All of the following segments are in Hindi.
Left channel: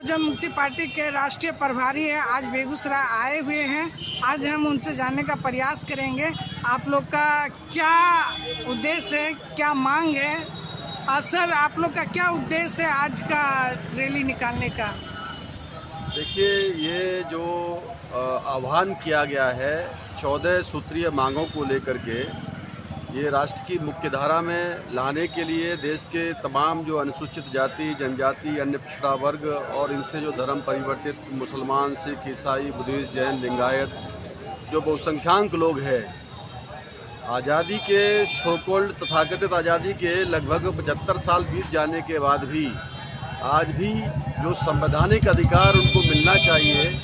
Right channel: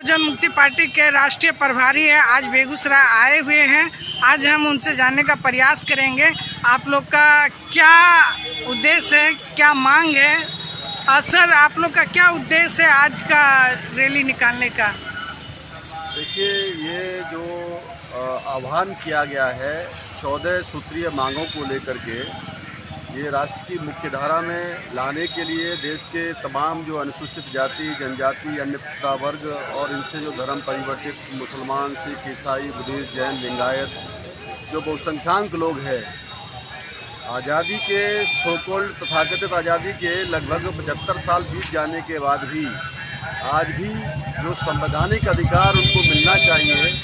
बहुजन मुक्ति पार्टी के राष्ट्रीय प्रभारी है, आज बेगूसराय आए हुए हैं। आज हम उनसे जानने का प्रयास करेंगे आप लोग का क्या उद्देश्य है, क्या मांग है। सर, आप लोग का क्या उद्देश्य है आज का रैली निकालने का? देखिए, ये जो आह्वान किया गया है 14 सूत्रीय मांगों को लेकर के, ये राष्ट्र की मुख्य धारा में लाने के लिए देश के तमाम जो अनुसूचित जाति, जनजाति, अन्य पिछड़ा वर्ग और इनसे जो धर्म परिवर्तित मुसलमान, सिख, ईसाई, बुद्धिस्ट, जैन, लिंगायत जो बहुसंख्याक लोग हैं, आज़ादी के सोकोल्ड तथाकथित आज़ादी के लगभग 75 साल बीत जाने के बाद भी आज भी जो संवैधानिक अधिकार उनको मिलना चाहिए,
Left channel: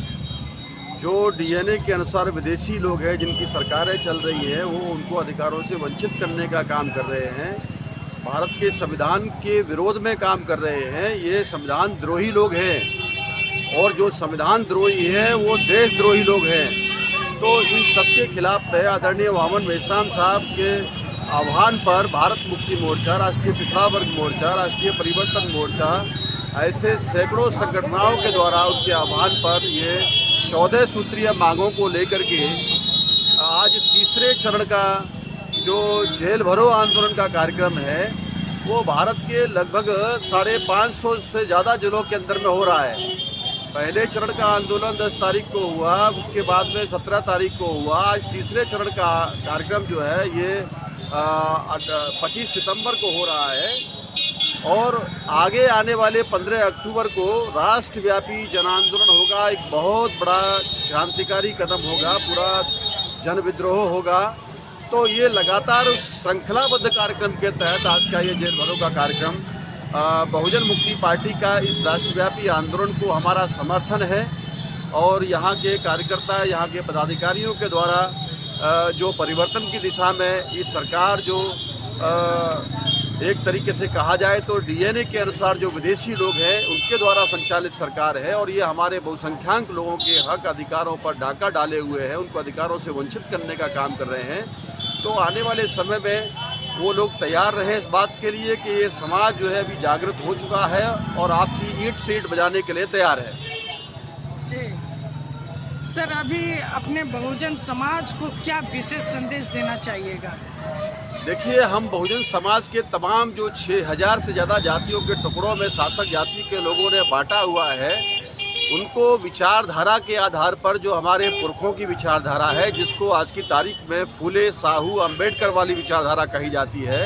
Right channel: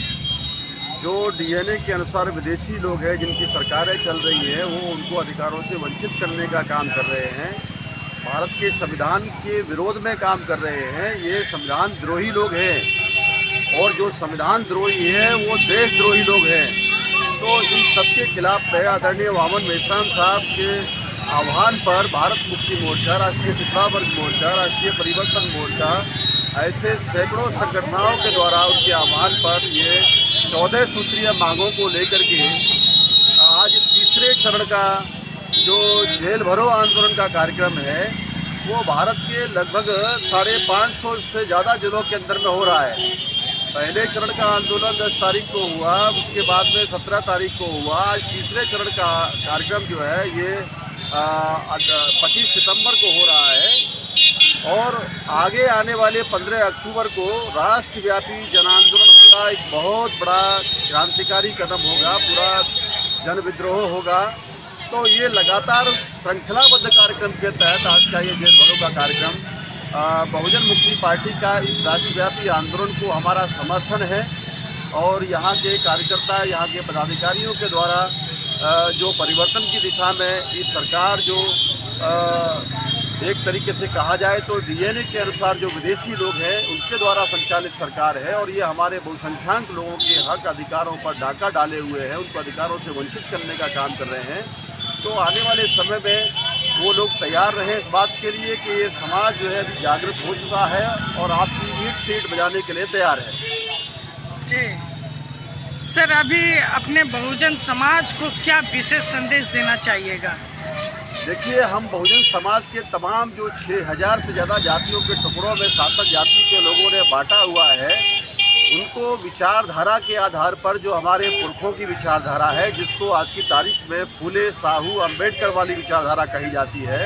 जो डीएनए के अनुसार विदेशी लोग हैं जिनकी सरकारें चल रही हैं, वो उनको अधिकारों से वंचित करने का काम कर रहे हैं, भारत के संविधान के विरोध में काम कर रहे हैं। ये संविधान द्रोही लोग हैं और जो संविधान द्रोही है वो देशद्रोही लोग हैं। तो इन सबके खिलाफ आदरणीय वामन मेश्राम साहब के आह्वान पर भारत मुक्ति मोर्चा, राष्ट्रीय पिछड़ा वर्ग मोर्चा, राष्ट्रीय परिवर्तन मोर्चा, ऐसे सैकड़ों संगठनों के द्वारा उनके आह्वान पर ये 14 सूत्रीय मांगों को लेकर के आज तीसरे चरण का जो जेल भरो आंदोलन का कार्यक्रम है, वो भारत के लगभग 550 से ज़्यादा जिलों के अंदर में हो रहा है। पहले चरण का आंदोलन 10 तारीख को हुआ, उसके बाद में 17 तारीख को हुआ। आज तीसरे चरण का कार्यक्रम जो है ये 25 सितंबर को हो रहा है और आगे आने वाले 15 अक्टूबर को राष्ट्रव्यापी जन आंदोलन होगा। एक बहुत बड़ा क्रांतिकारी कदम होगा, पूरा जन विद्रोह होगा। तो ये लगातार श्रृंखलाबद्ध कार्यक्रम के तहत आज का ये जेल भरो का कार्यक्रम, बहुजन मुक्ति पार्टी का इस राष्ट्रव्यापी आंदोलन को हमारा समर्थन है और यहाँ के कार्यकर्ता, यहाँ के पदाधिकारियों के द्वारा जो परिवर्तन की दिशा में इस सरकार जो एक तरीके से कहा जाए तो डीएनए के अनुसार जो विदेशी लोग हैं उनके द्वारा संचालित सरकार है और ये हमारे बहुसंख्याक लोगों के हक अधिकारों पर डाका डाले हुए हैं, उनको अधिकारों से वंचित करने का काम कर रहे हैं। तो आने वाले समय में वो लोग तैयार रहें इस बात के लिए कि ये समाज जो है अभी जागृत हो चुका है और आपकी ईंट सीट बजाने के लिए तैयार है। जी सर, अभी अपने बहुजन समाज को क्या विशेष संदेश देना चाहिएगा? देखिए, हम बहुजन समाज के तमाम जो 6000 से ज़्यादा जातियों के टुकड़ों में शासक जाति के लोगों ने बांटा हुआ है, उनको विचारधारा के आधार पर जो हमारे पुरखों की विचारधारा है, जिसको आज की तारीख में फूले साहू अम्बेडकर वाली विचारधारा कही जाती है,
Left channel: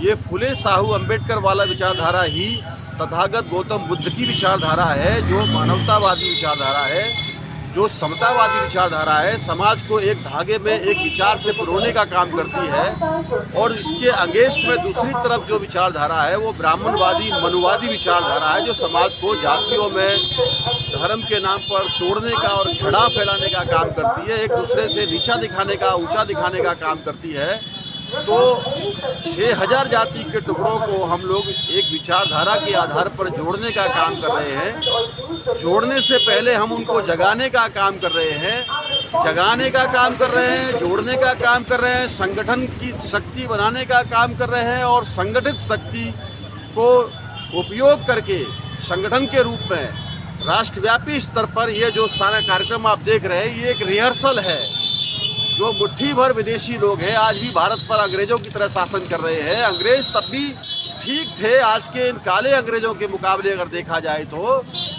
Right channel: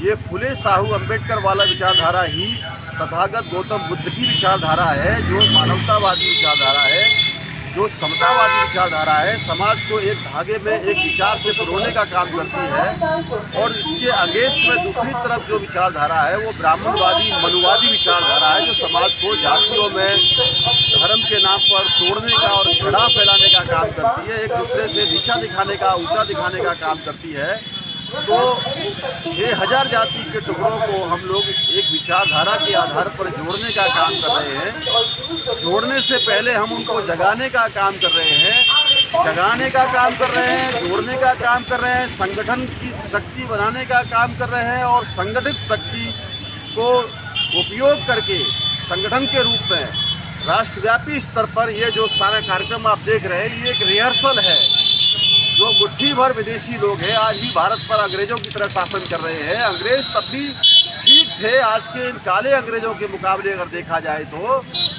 ये फूले साहू अम्बेडकर वाला विचारधारा ही तथागत गौतम बुद्ध की विचारधारा है, जो मानवतावादी विचारधारा है, जो समतावादी विचारधारा है, समाज को एक धागे में एक विचार से पिरोने का काम करती है। और इसके अगेंस्ट में दूसरी तरफ जो विचारधारा है वो ब्राह्मणवादी, मनुवादी विचारधारा है, जो समाज को जातियों में धर्म के नाम पर तोड़ने का और झगड़ा फैलाने का काम करती है, एक दूसरे से नीचा दिखाने का, ऊंचा दिखाने का काम करती है। तो 6000 जाति के टुकड़ों को हम लोग एक विचारधारा के आधार पर जोड़ने का काम कर रहे हैं। जोड़ने से पहले हम उनको जगाने का काम कर रहे हैं, जगाने का काम कर रहे हैं, जोड़ने का काम कर रहे हैं, संगठन की शक्ति बनाने का काम कर रहे हैं और संगठित शक्ति को उपयोग करके संगठन के रूप में राष्ट्रव्यापी स्तर पर ये जो सारा कार्यक्रम आप देख रहे हैं, ये एक रिहर्सल है। जो मुट्ठी भर विदेशी लोग हैं आज भी भारत पर अंग्रेजों की तरह शासन कर रहे हैं। अंग्रेज तब भी ठीक थे आज के इन काले अंग्रेजों के मुकाबले अगर देखा जाए तो।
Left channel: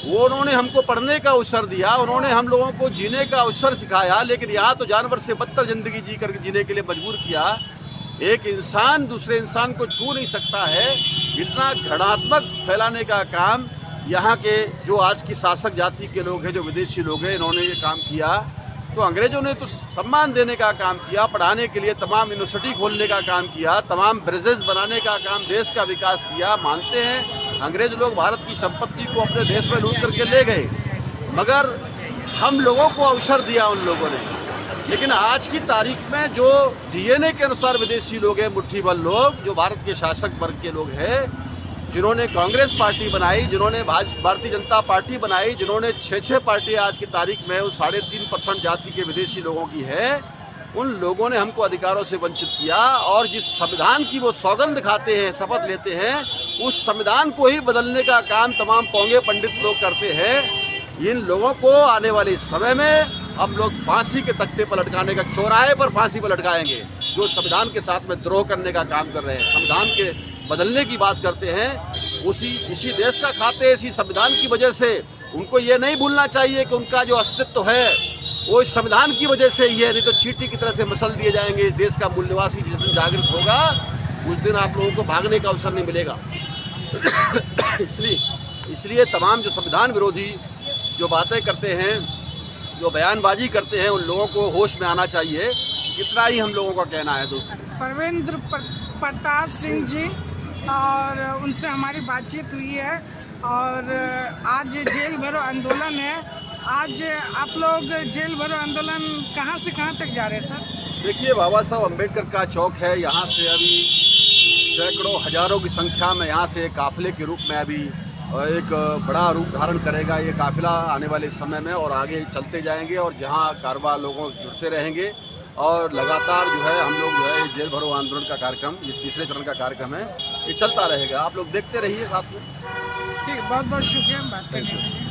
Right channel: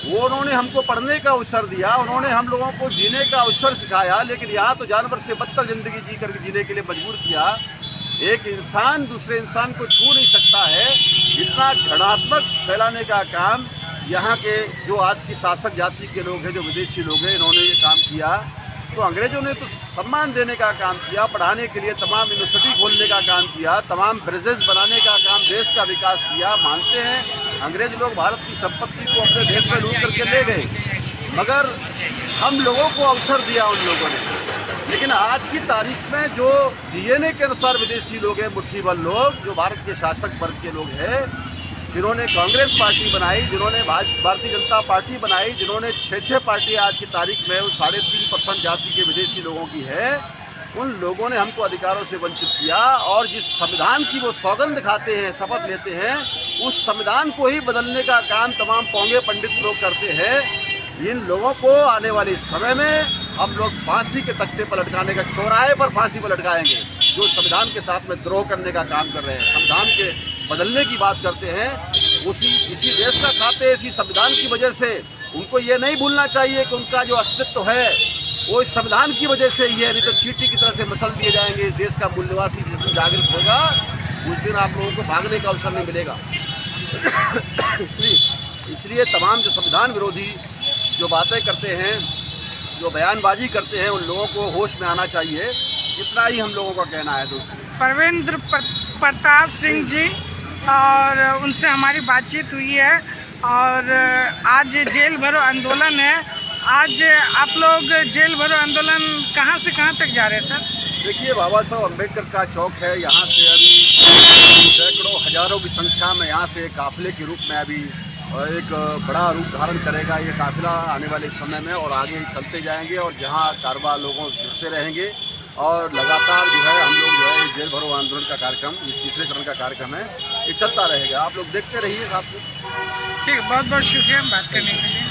वो उन्होंने हमको पढ़ने का अवसर दिया, उन्होंने हम लोगों को जीने का अवसर सिखाया, लेकिन यहाँ तो जानवर से बदतर ज़िंदगी जी करके जीने के लिए मजबूर किया। एक इंसान दूसरे इंसान को छू नहीं सकता है, इतना घृणात्मक फैलाने का काम यहाँ के जो आज की शासक जाति के लोग हैं, जो विदेशी लोग हैं, इन्होंने ये काम किया। तो अंग्रेजों ने तो सम्मान देने का काम किया, पढ़ाने के लिए तमाम यूनिवर्सिटी खोलने का काम किया, तमाम ब्रिजेस बनाने का काम, देश का विकास किया। मानते हैं अंग्रेज लोग भारत की संपत्ति को अपने देश में लूट करके ले गए, मगर हम लोगों को अवसर दिया उन लोगों ने। लेकिन आज की तारीख में जो डीएनए के अनुसार विदेशी लोग हैं, मुट्ठी भर लोग, जो भारत के शासक वर्ग के लोग हैं, जिन्होंने कांग्रेस पार्टी बनाई, जिन्होंने भारतीय जनता पार्टी बनाई, जिन्होंने 6 पार्टी आज की तारीख में वो 3.5% जाति के विदेशी लोगों की है, उन लोगों ने हमको अधिकारों से वंचित किया और जिस संविधान की वो सौगंध खाते हैं, शपथ लेते हैं, उस संविधान को ही बदलने का काम तमाम पौंगे पंडित लोग करते हैं। इन लोगों को आने वाले समय में हम लोग फांसी के तख्ते पर लटकाने का, चौराहे पर फांसी पर लटकाएंगे, जो संविधान के साथ में द्रोह करने का काम कर रहे हैं, संविधान के बदलने की बात करते हैं। इसी देश का खाते हैं, इसी संविधान की वजह से। उनको ये नहीं भूलना चाहिए कि उनका जो अस्तित्व है वो इस संविधान की वजह से ही है, नहीं तो चींटी की तरह से मसल दिए जाएंगे। इस देश का मूल निवासी जिस दिन जागृत होगा उस दिन आप लोगों को भागने का अवसर नहीं मिलेगा। इसलिए तमाम जो संविधान विरोधी जो बातें करते हैं, जो बयानबाजी करते हैं, उन लोगों को होश में आना चाहिए। इतना ही हम लोगों का कहना है दोस्तों। परवेंद्र प्रताप सिंह जी, और उनसे हमारी बातचीत हुई है। और आज जेल भरो आंदोलन है। आज आप लोग जेल भरो आंदोलन कहाँ से कहाँ तक जा रहे हैं सर? देखिए, बाबा साहब अम्बेडकर का चौक है, यहाँ से अभी सैकड़ों हजारों की संख्या में यहाँ से काफिले के रूप में अभी एक बड़ा रूप धारण करेगा ये काफिला आने वाले समय में, और आगे चलते जाएंगे और जहाँ कारवा लोगों जुड़ते रहेंगे। और लगातार जो है हम लोग जो है जेल भरो आंदोलन का कार्यक्रम, ये तीसरे चरण का कार्यक्रम है, ये चलता रहेगा। आप लोग देखते रहिए साथ में। ठीक है, बहुत बहुत शुक्रिया बात करने के लिए।